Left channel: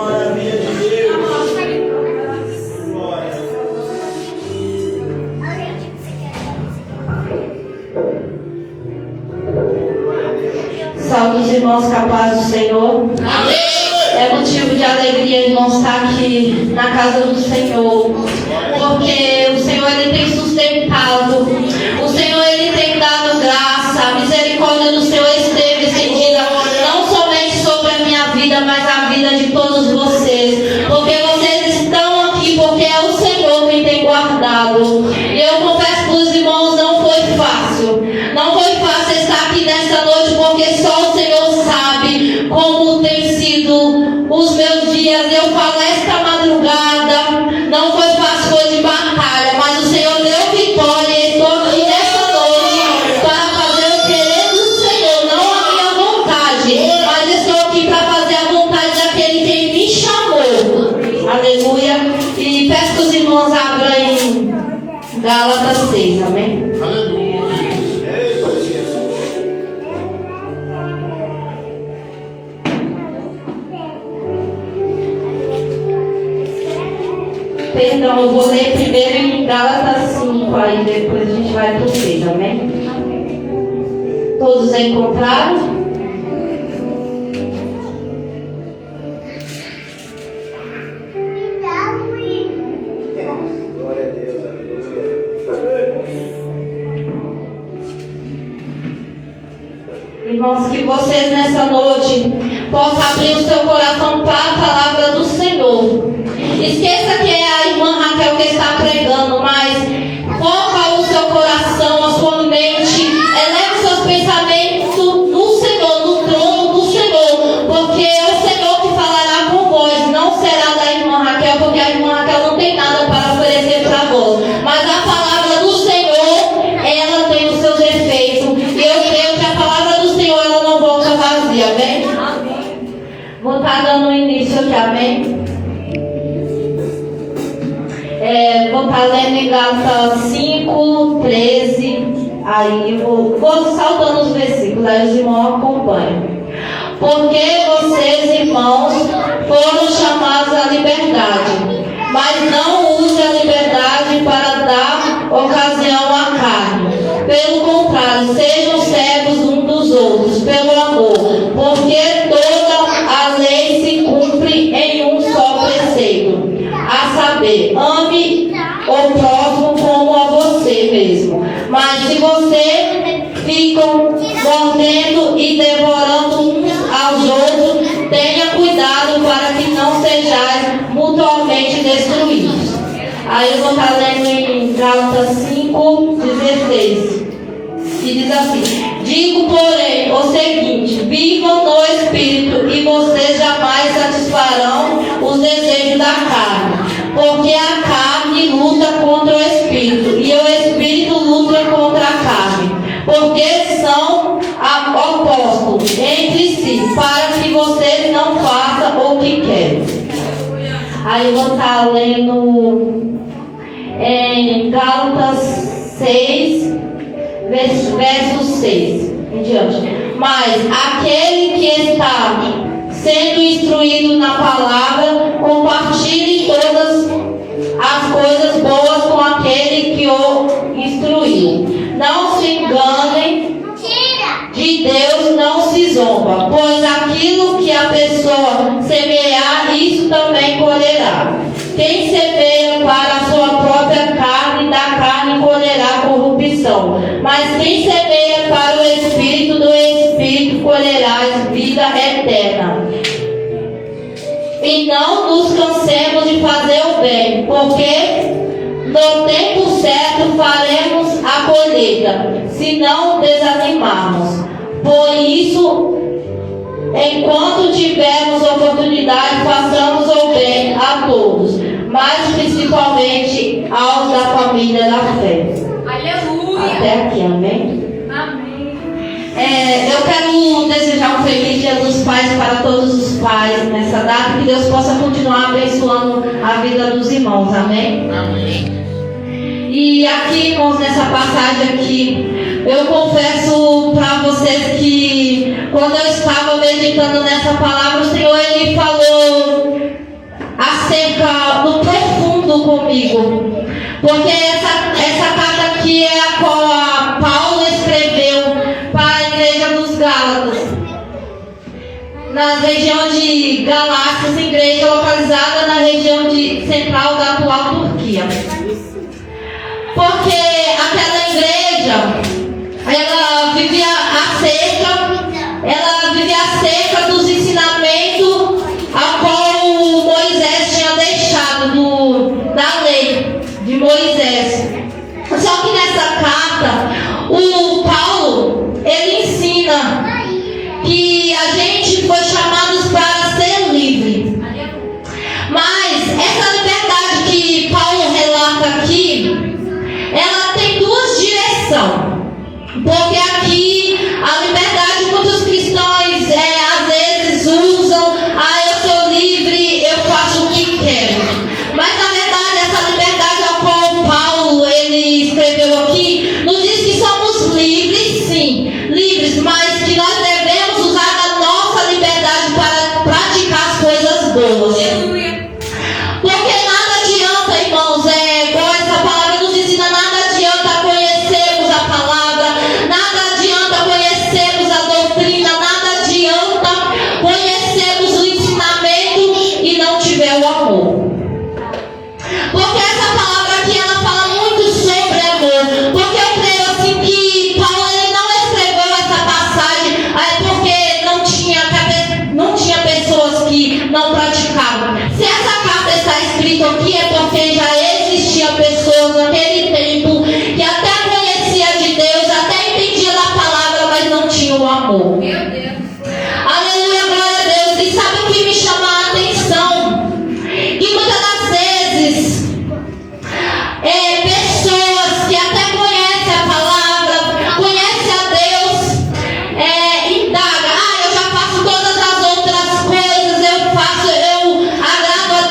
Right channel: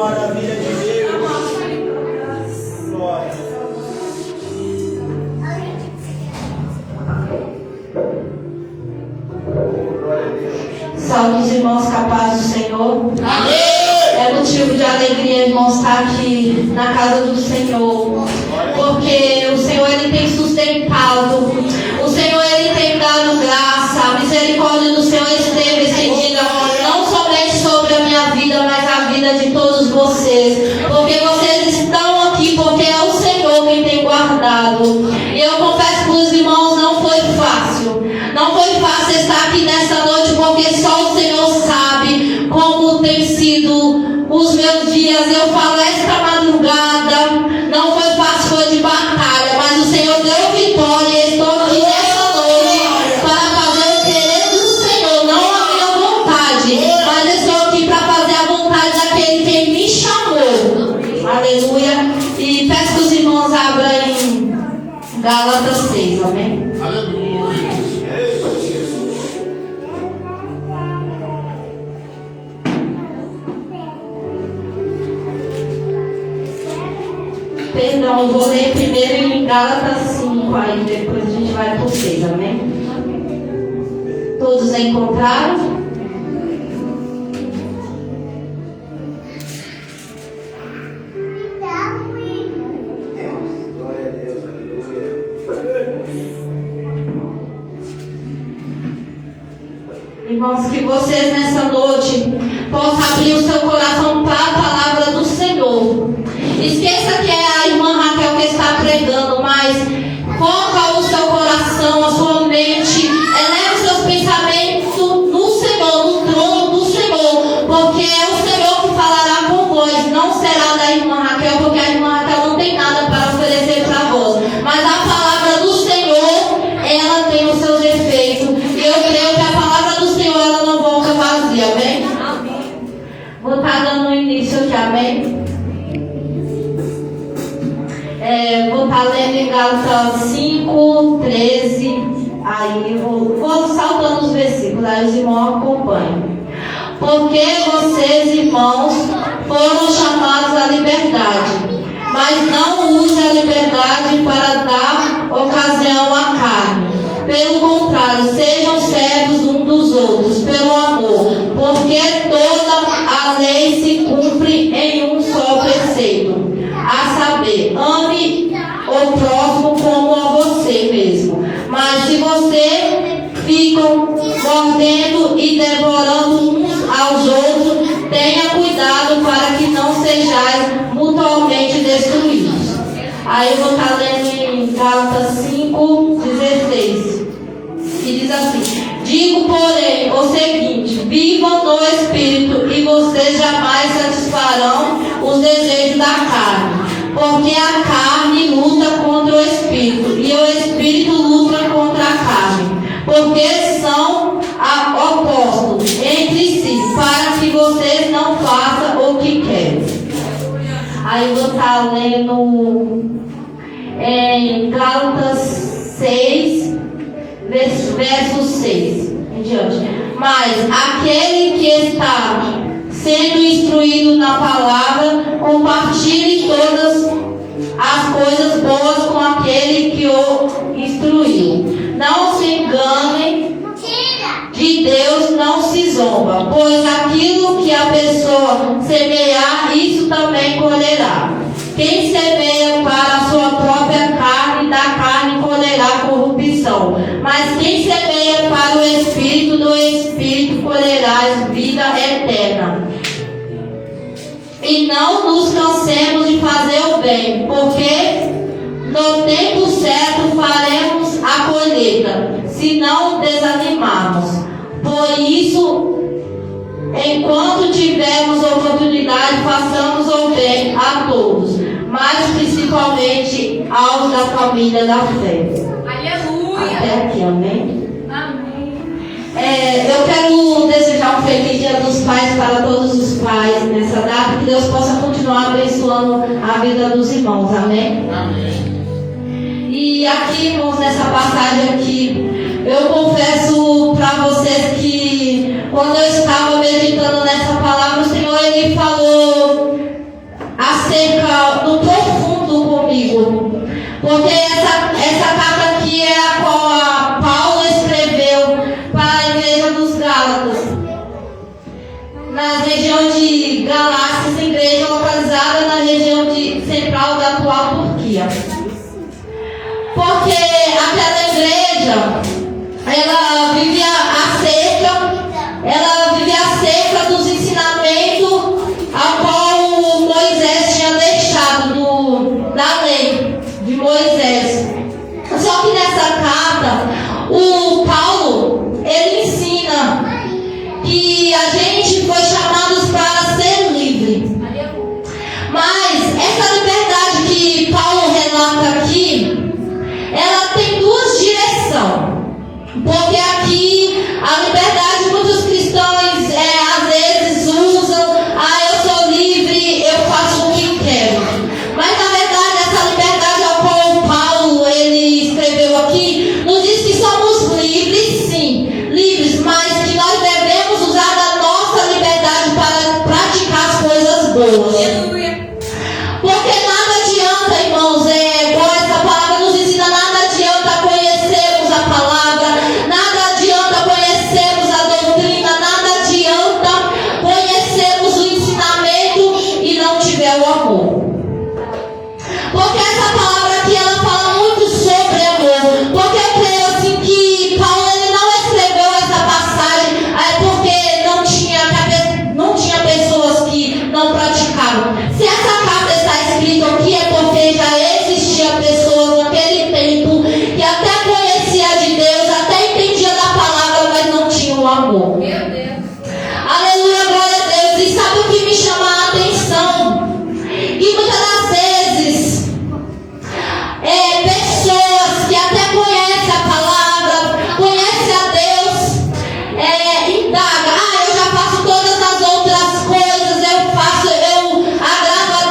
maravilha de Deus. Glória. Salve os irmãos capazes do Senhor. Amém. É motivo de alegria, irmãos, estar aqui na casa do Senhor, porque o Senhor ele tem sustentado, o Senhor ele tem dado graça, a misericórdia do Senhor esteve estendida não somente sobre a minha vida, mas a vida de todos vocês, porque vocês estão aqui porque é o Senhor quem tem guardado. E eu confesso para os irmãos, não foi fácil estar aqui nessa noite, porque só o Senhor sabe como tem sido os meus dias. Eu falo, esta madrugada não foi fácil, foi de batalha, mas o Senhor deu vitória. E estou aqui nessa noite para fazer o querer do Senhor, não a minha vontade, mas estou aqui para fazer a vontade daquele que me chamou. Aleluia. E peço que os irmãos abram em Gálatas 6, amém? Perdão, eu vou ler primeiro em Gálatas 5, aí depois a gente vai para o 6, amém? Todos encontraram? Glória a Deus, aleluia. Irmãos, que vocês nessa noite possam abrir o seu coração para a palavra do Senhor. Esqueça que é a irmã Raquel que está pregando, mas foca o seu coração, a sua mente, eleva os seus pensamentos no Senhor, no trono do Senhor, porque é o Senhor que falará com vós, não será da irmã Raquel, porque a irmã Raquel não tem nada para oferecer para vós, mas a palavra do Senhor, ela tem os seus efeitos, e eu creio que a palavra do Senhor, ela não volta vazia, amém? Vou estar dando início aqui, amém? Vou estar lendo em Gálatas 5, 13. Aí vou saltando os versículos, aí os irmãos acompanham. Porque vocês, irmãos, foram chamados à liberdade, mas não use a liberdade para dar ocasião à carne. Pelo contrário, sejam servos uns dos outros, pelo amor, porque toda a lei se cumpre em um só preceito, a saber, ame o próximo como a você mesmo. Mas se você ficam mordendo e devorando uns aos outros, tenha cuidado para que não sejais mutuamente destruídos. Aí eu vou estar lendo em Gálatas 5:16, que diz assim: digo, porém, o seguinte: vivam no Espírito, e vocês jamais satisfarão os desejos da carne. Porque a carne luta contra o Espírito, e o Espírito luta contra a carne, porque são opostos entre si, para que vocês não façam o que querem. Aí eu vou estar lendo em Gálatas 6, verso 6 em diante. Mas aquele que está sendo instruído na palavra, compartilhe todas as coisas boas com aquele que o instruiu. Não se enganem, de Deus não se zomba, pois aquilo que a pessoa semear, isso também colherá. Quem semeia para a sua própria carne, da carne colherá corrupção. Mas quem semeia para o Espírito, do Espírito colherá vida eterna. E não nos cansemos de fazer o bem, porque no tempo certo faremos a colheita, se não desanimarmos. Por isso, enquanto tivermos oportunidade, façamos o bem a todos, mas principalmente aos da família da fé. Aleluia! Até aqui, amém? Amém. Eu quero desejar um feliz Dia dos Pais para todos os pais nessa data, que Deus possa continuar abençoando a vida dos irmãos, amém? Amém. E aqui, irmãos, nessa passagem aqui, eu confesso para vocês que quando eu estava meditando nessa palavra, o Senhor ele falou pessoas. Aleluia. Porque nada adianta, irmãos, igual essa palavra nos ensina, nada adianta conhecermos a palavra, nada adianta conhecermos a doutrina, nada adianta conhecermos o ensinamento e não tiver o amor. Porque essa palavra aqui, ela fala muito sobre amor. Porque eu creio assim que Paulo ele não escreveu essa passagem porque não tinha pessoas que não praticavam. Se essa carta está escrita aqui é porque já existia pessoas naquele tempo que até conhecia de Deus, até entendia da palavra, mas não tinham o amor. Meu Deus. Aleluia, glória a Deus. E sabe o que me chama a atenção? Que muitas das vezes pessoas que até conhecem a palavra, conhecem a Deus, indagam, eu já faço todas as outras coisas, eu agrado a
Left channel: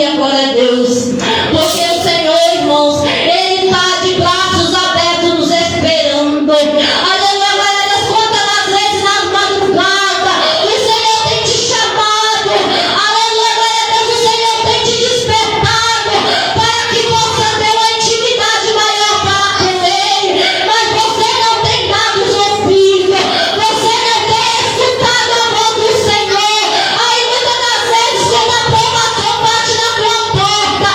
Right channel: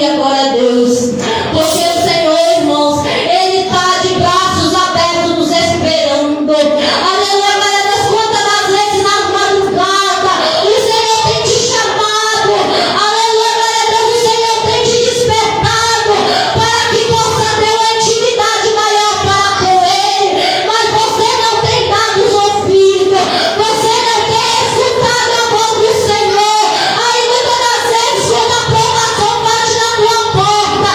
aqui agora é Deus. Porque o Senhor, irmãos, Ele está de braços abertos nos esperando. Aleluia, glória a Deus. Quantas das vezes na madrugada o Senhor tem te chamado. Aleluia, glória a Deus. O Senhor tem te despertado para que possa ter uma intimidade maior para com Ele. Mas você não tem dado os ouvidos. Você não tem escutado a voz do Senhor. Aí muitas das vezes, quando a porta bate na tua porta,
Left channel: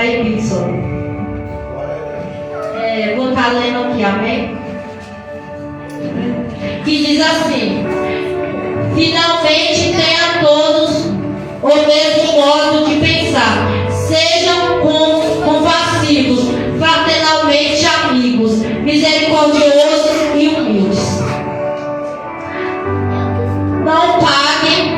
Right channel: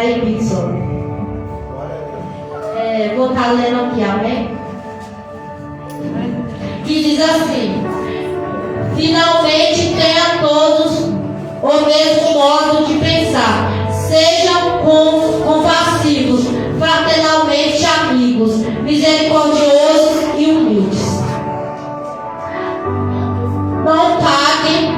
Pai Pitson. Vou estar lendo aqui, amém? Que diz assim: finalmente tenha todos o mesmo modo de pensar, sejam compassivos, fraternalmente amigos, misericordiosos e humildes. Não paguem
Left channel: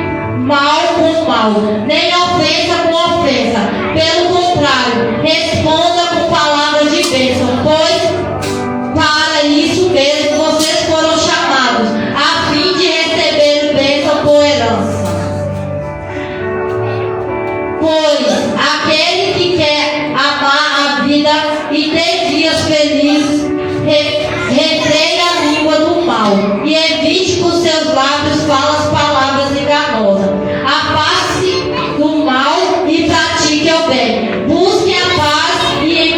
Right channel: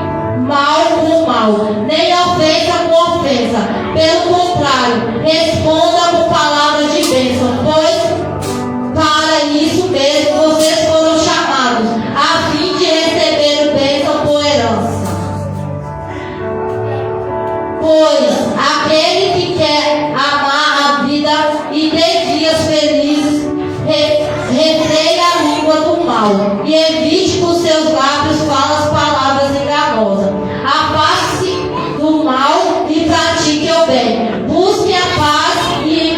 mal com mal, nem ofensa com ofensa. Pelo contrário, responda com palavras de bênção, pois para isso mesmo vocês foram chamados, a fim de receber bênção por herança. Pois aquele que quer amar a vida e ter dias felizes, retreia a língua do mal e evite com seus lábios falas palavras enganosas. Afaste-se do mal e pratique o bem. Busque a paz e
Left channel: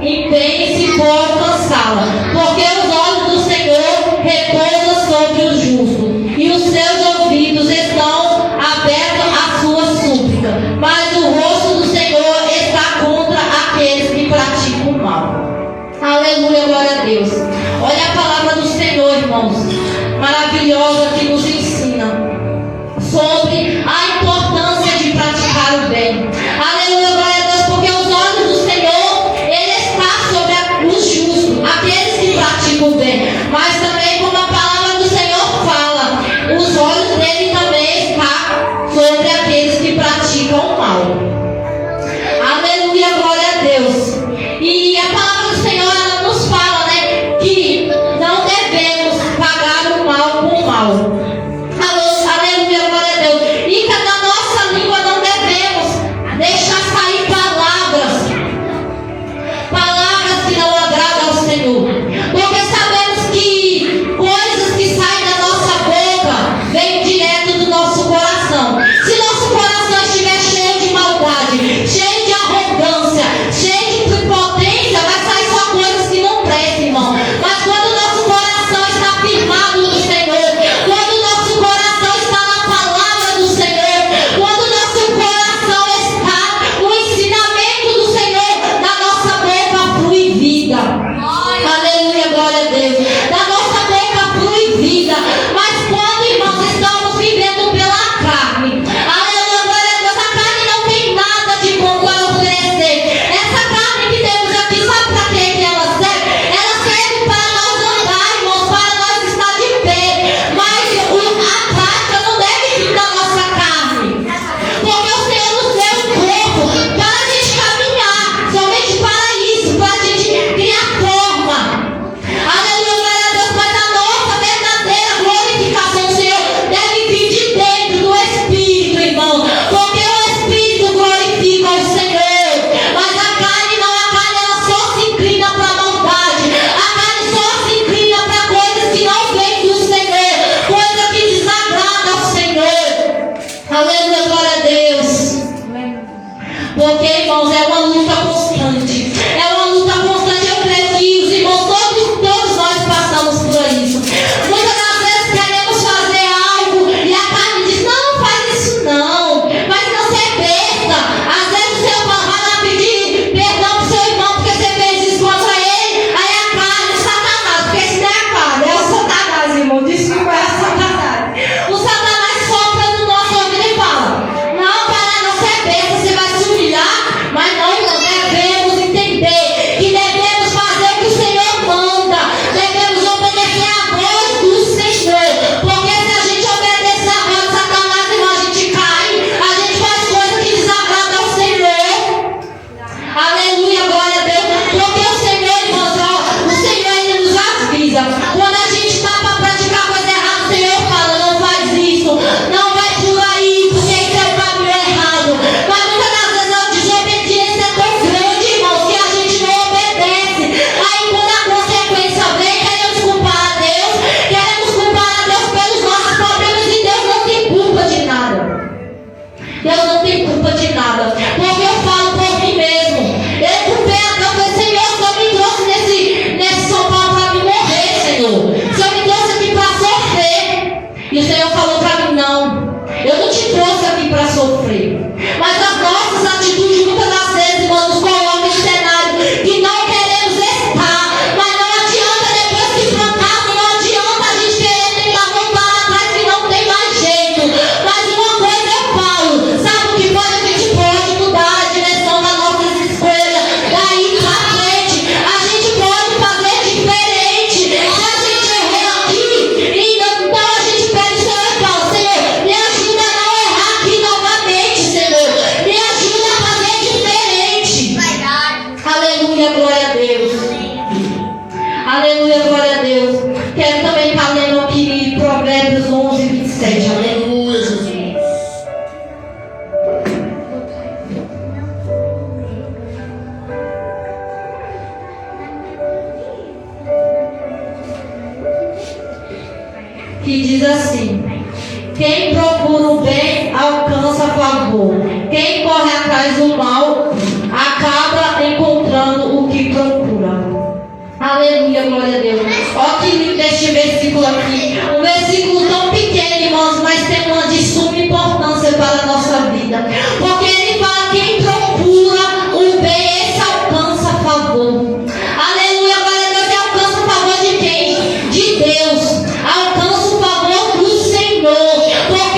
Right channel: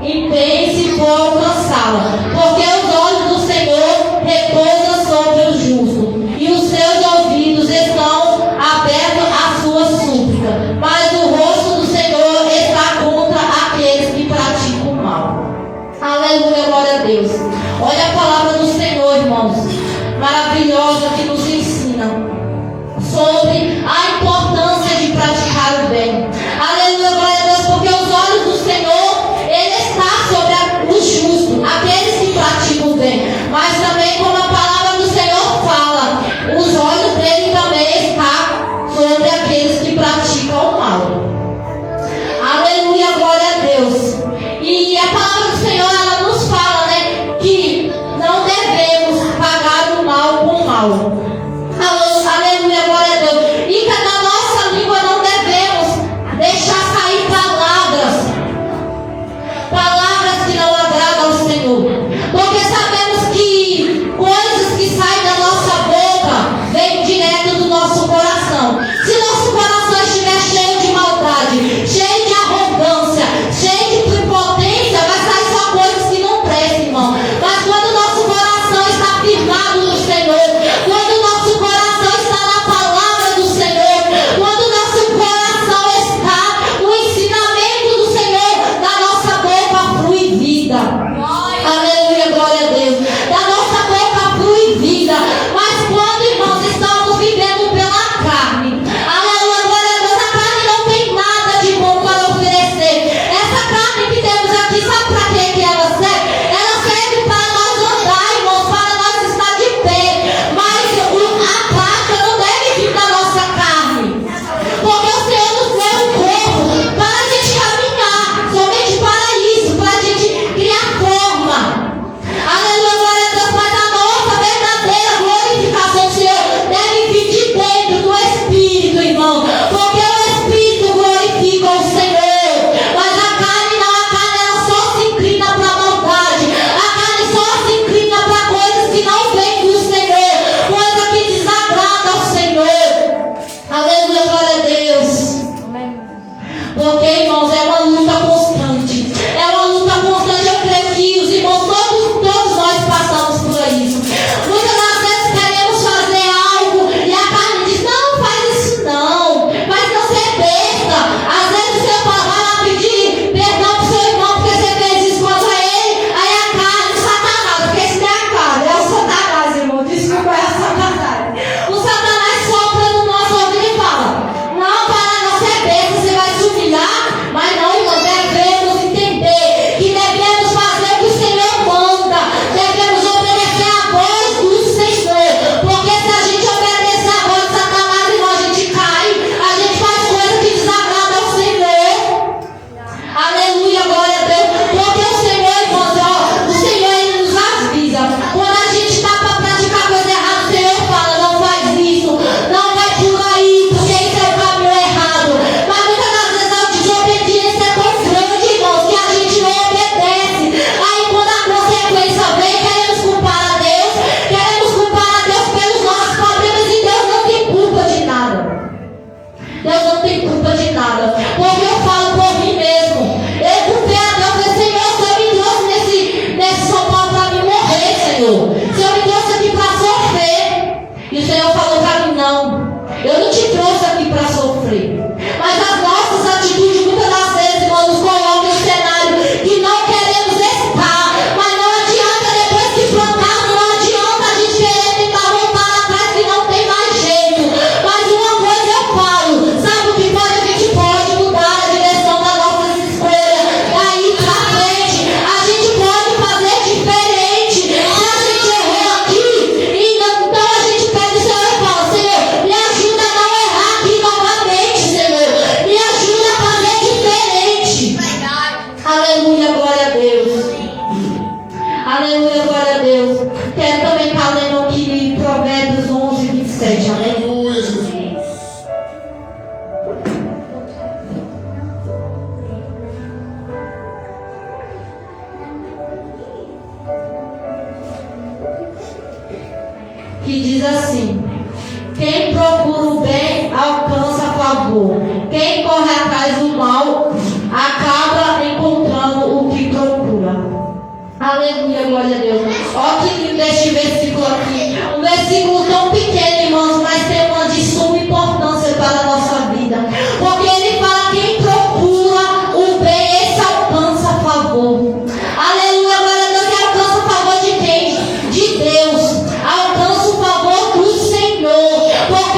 empenhe-se por alcançá-la. Porque os olhos do Senhor repousam sobre o justo e os seus ouvidos estão abertos à sua súplica. Mas o rosto do Senhor está contra aqueles que praticam o mal. Aleluia, glória a Deus. Olha a palavra do Senhor, irmãos, maravilhosa, que nos ensina sobre a importância de praticar o bem. Aleluia, glória a Deus, porque os olhos do Senhor, Ele está sobre os justos, aqueles que praticam o bem. Mas também, como a palavra do Senhor fala, os olhos dele também estão sobre aqueles que praticam o mal. Aleluia, glória a Deus. E a palavra do Senhor, ela nos fala, né, que não devemos pagar o mal com o mal. Aleluia, glória a Deus. E que na nossa língua não devemos deixar sair palavras que não agradam ao Senhor. Porque sabemos que coisas que saem da nossa boca vêm direto do nosso coração. Se nosso coração estiver cheio de maldade, cheio de arrogância, cheio de prepotência, vai sair só coisas que não prestam, irmão. Mas quando o nosso coração está firmado no Senhor, quando o nosso coração está na palavra do Senhor, quando o nosso coração está no ensinamento do Senhor, da nossa boca flui vida. Aleluia, glória a Deus. Da nossa boca flui vida. Mas quando, irmãos, estamos vivendo pela carne, aleluia, glória a Deus, a carne não tem nada de bom para oferecer. Essa carne que temos aqui, sabe para que ela serve? Ela serve para nós andar, irmãos, para nós estar de pé. Mas a prática não deve vir da nossa carne. Porque o Senhor nos deu um corpo para a gente caminhar, somente para isso, para a gente criar forma. Aleluia, glória a Deus, mas a nossa verdadeira glorificação do Senhor deve vir de dentro do Espírito, irmão. Porque o Espírito glorifica o Senhor. Mas a carne não, a carne ela só se inclina para a maldade. A carne só se inclina para coisas que não vêm do Senhor, coisa que desagrada ao Senhor. Aleluia, glória a Deus. Porque, irmãos, é uma luta constante. É uma luta constante. Eu creio que os irmãos, todos nós passamos por isso. Muitas das vezes queremos fazer algo e a carne diz: não, faz isso não. Mas não ser besta. Às vezes você vai lá pedir perdão para o seu irmão porque você fez isso contra ele. Aí a carne, o Satanás, porque isso não é a carne, é o Satanás, irmão. Desculpa, é o Satanás. O Satanás sopra no nosso ouvido e fala: não, para não ser besta, você vai se humilhar, mas Quem procura o bem alcança favor. Quem corre atrás do mal acaba encontrando o que procura. Aleluia, glória a Deus. Olha que lindo este versículo aqui. Um versículo tão pequeno, irmãos, mas tem uma de suma importância para a nossa vida. Porque ele fala: quem procura o bem, esse alcança favor. Aleluia, glória a Deus. E alcança o favor de quem? De Deus. Alcança o favor do Senhor. Porque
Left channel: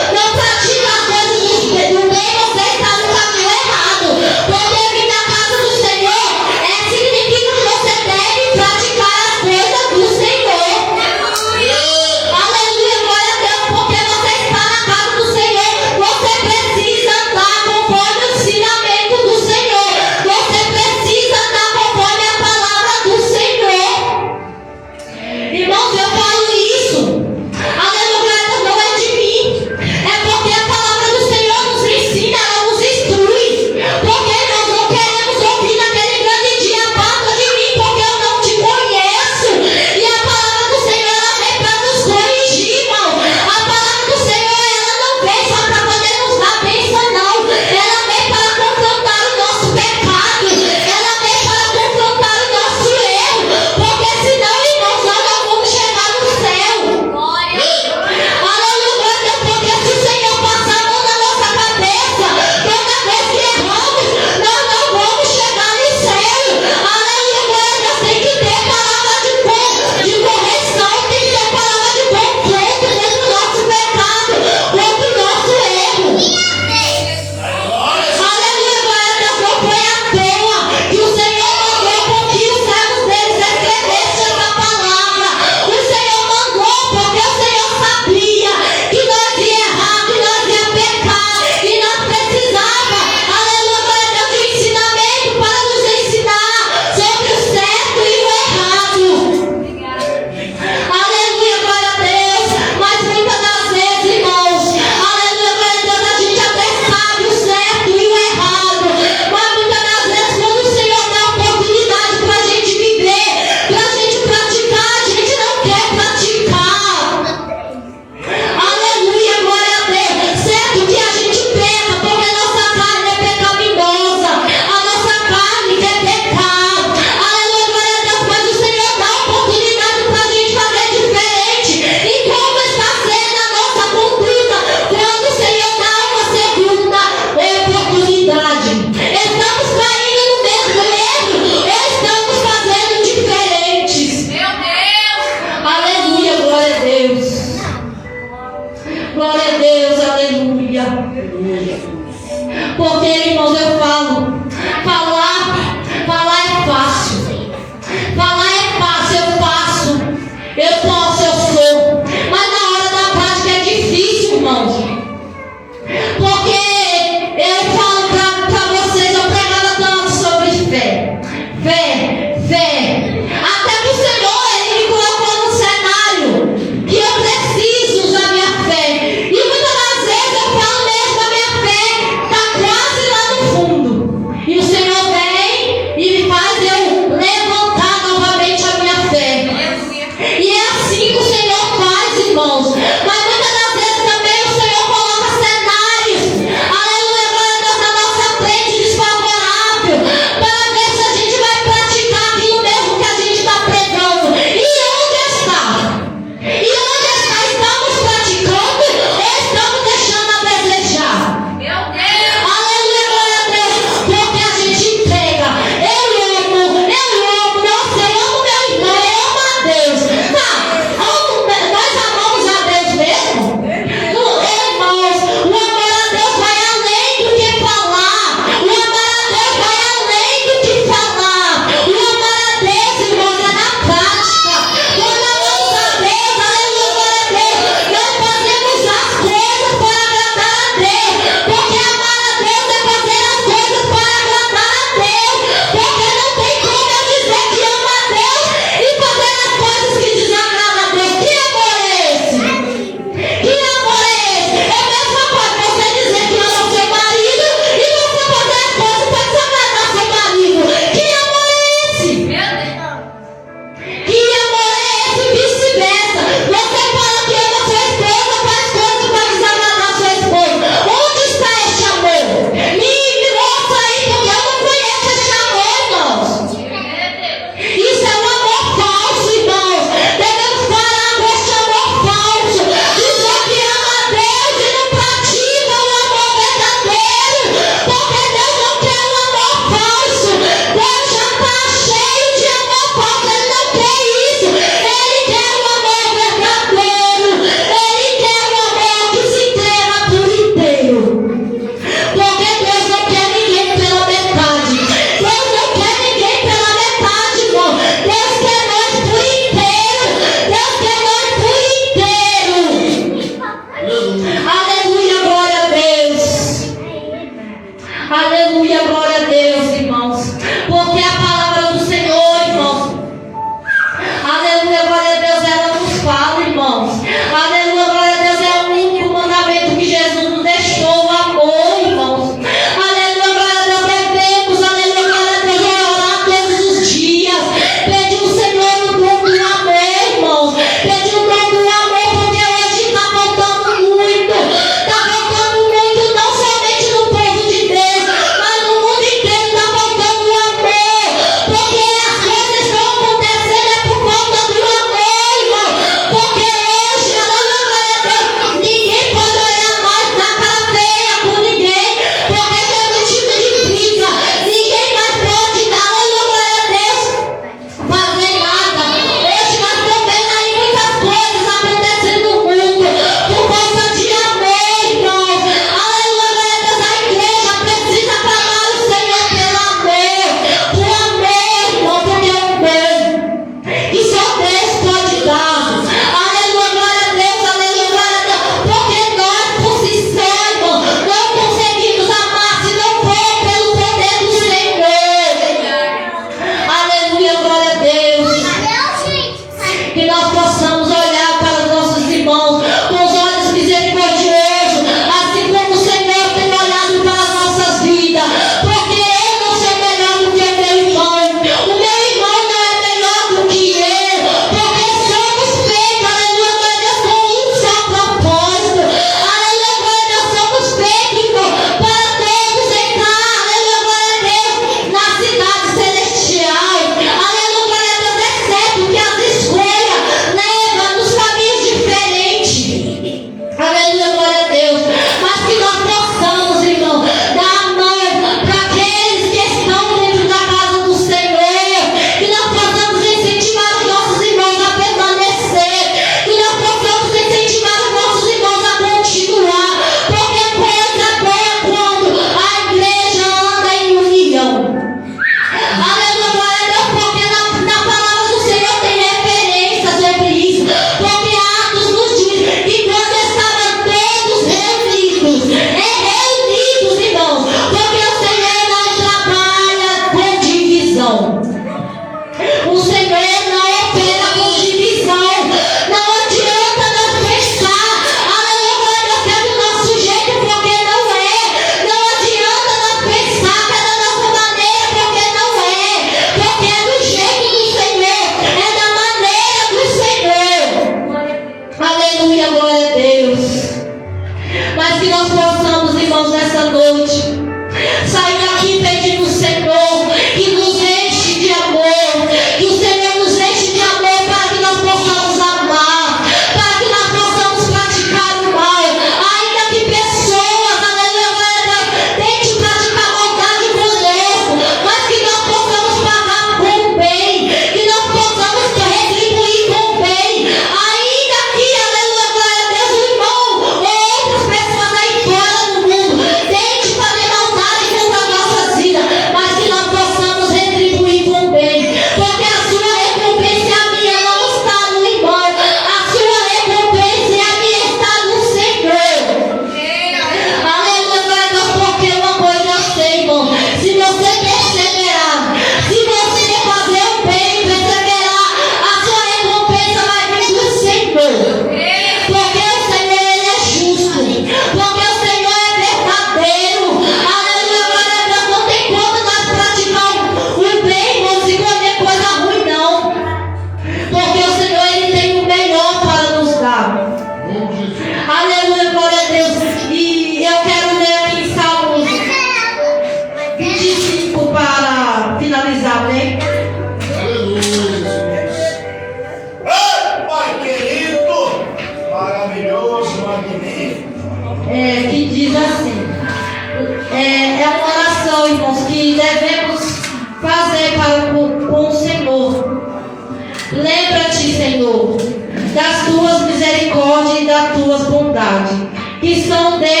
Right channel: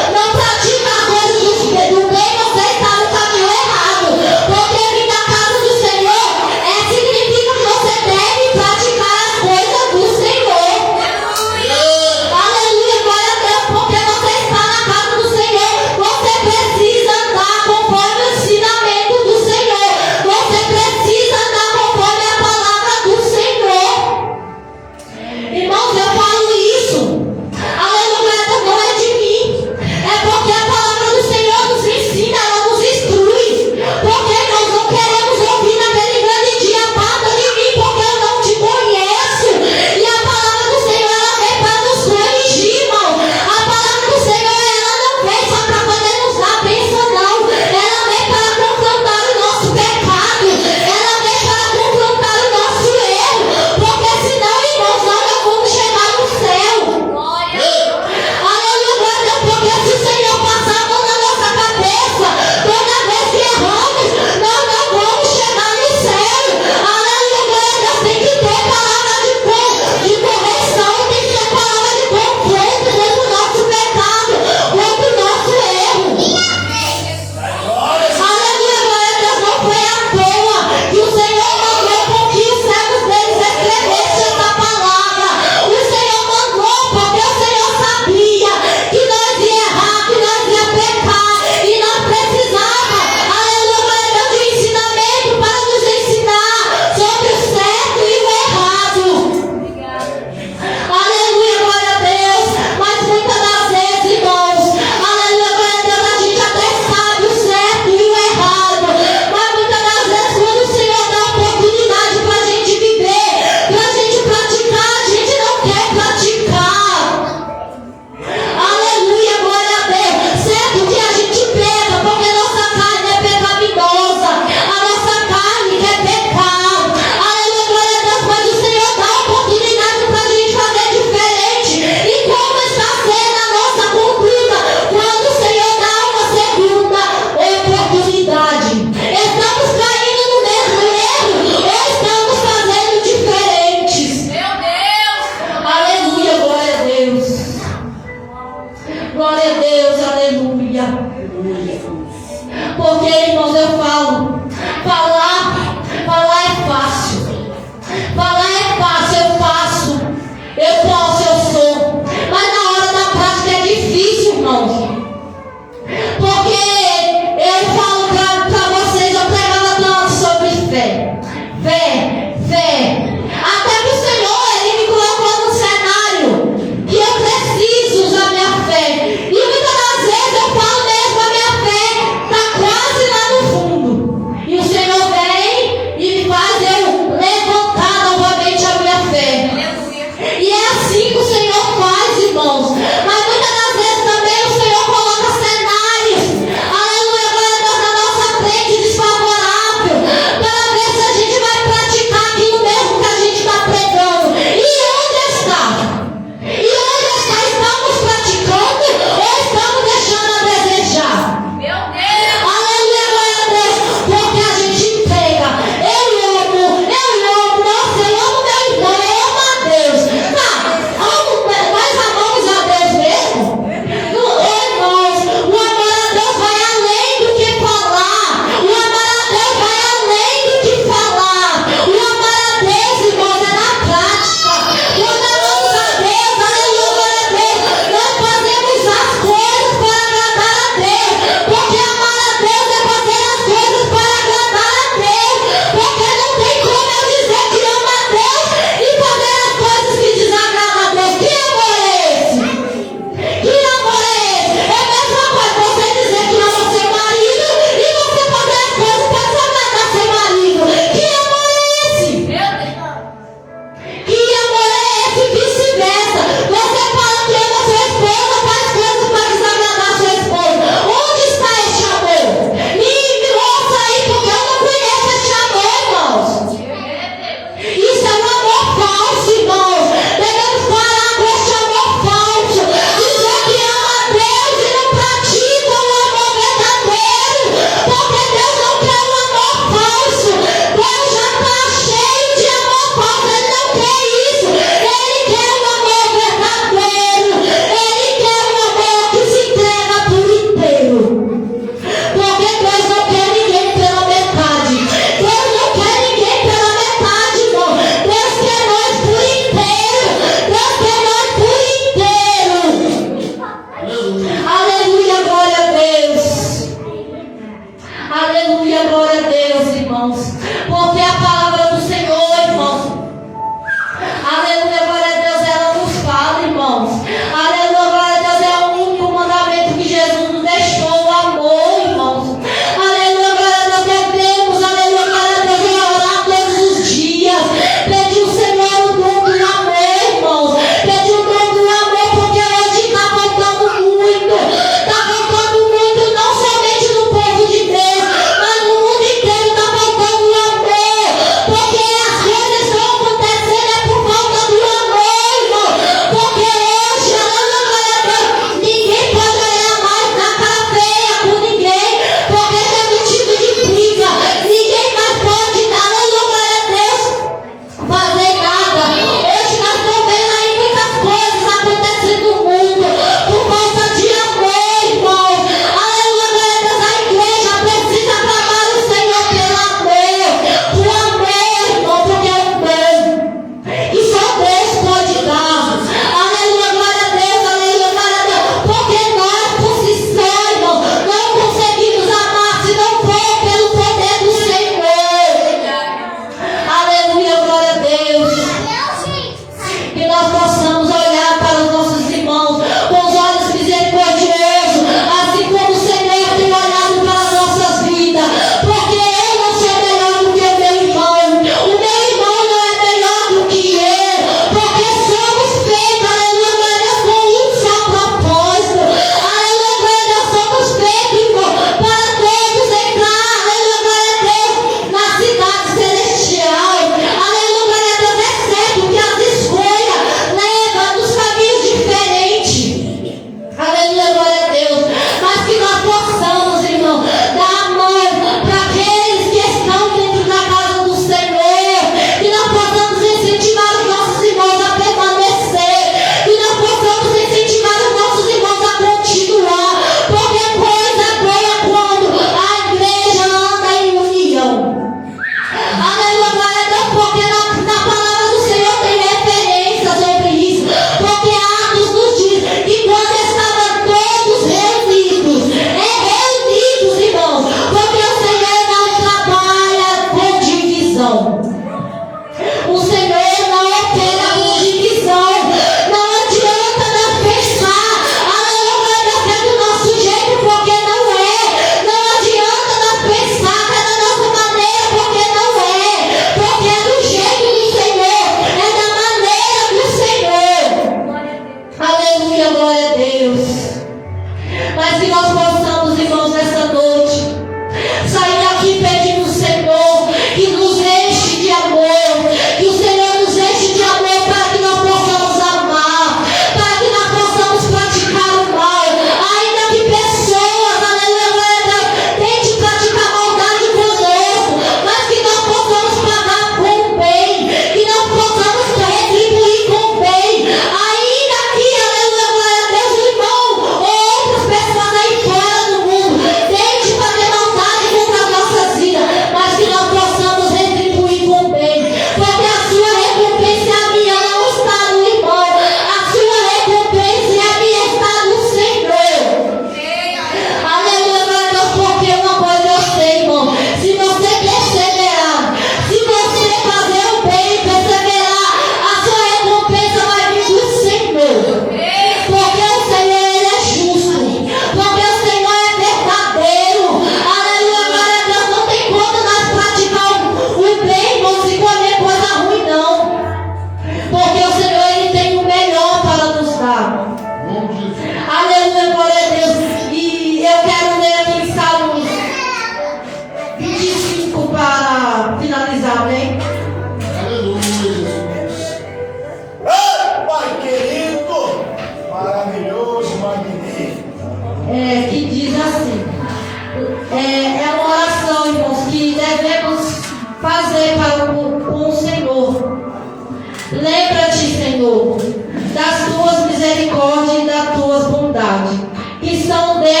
são Deus.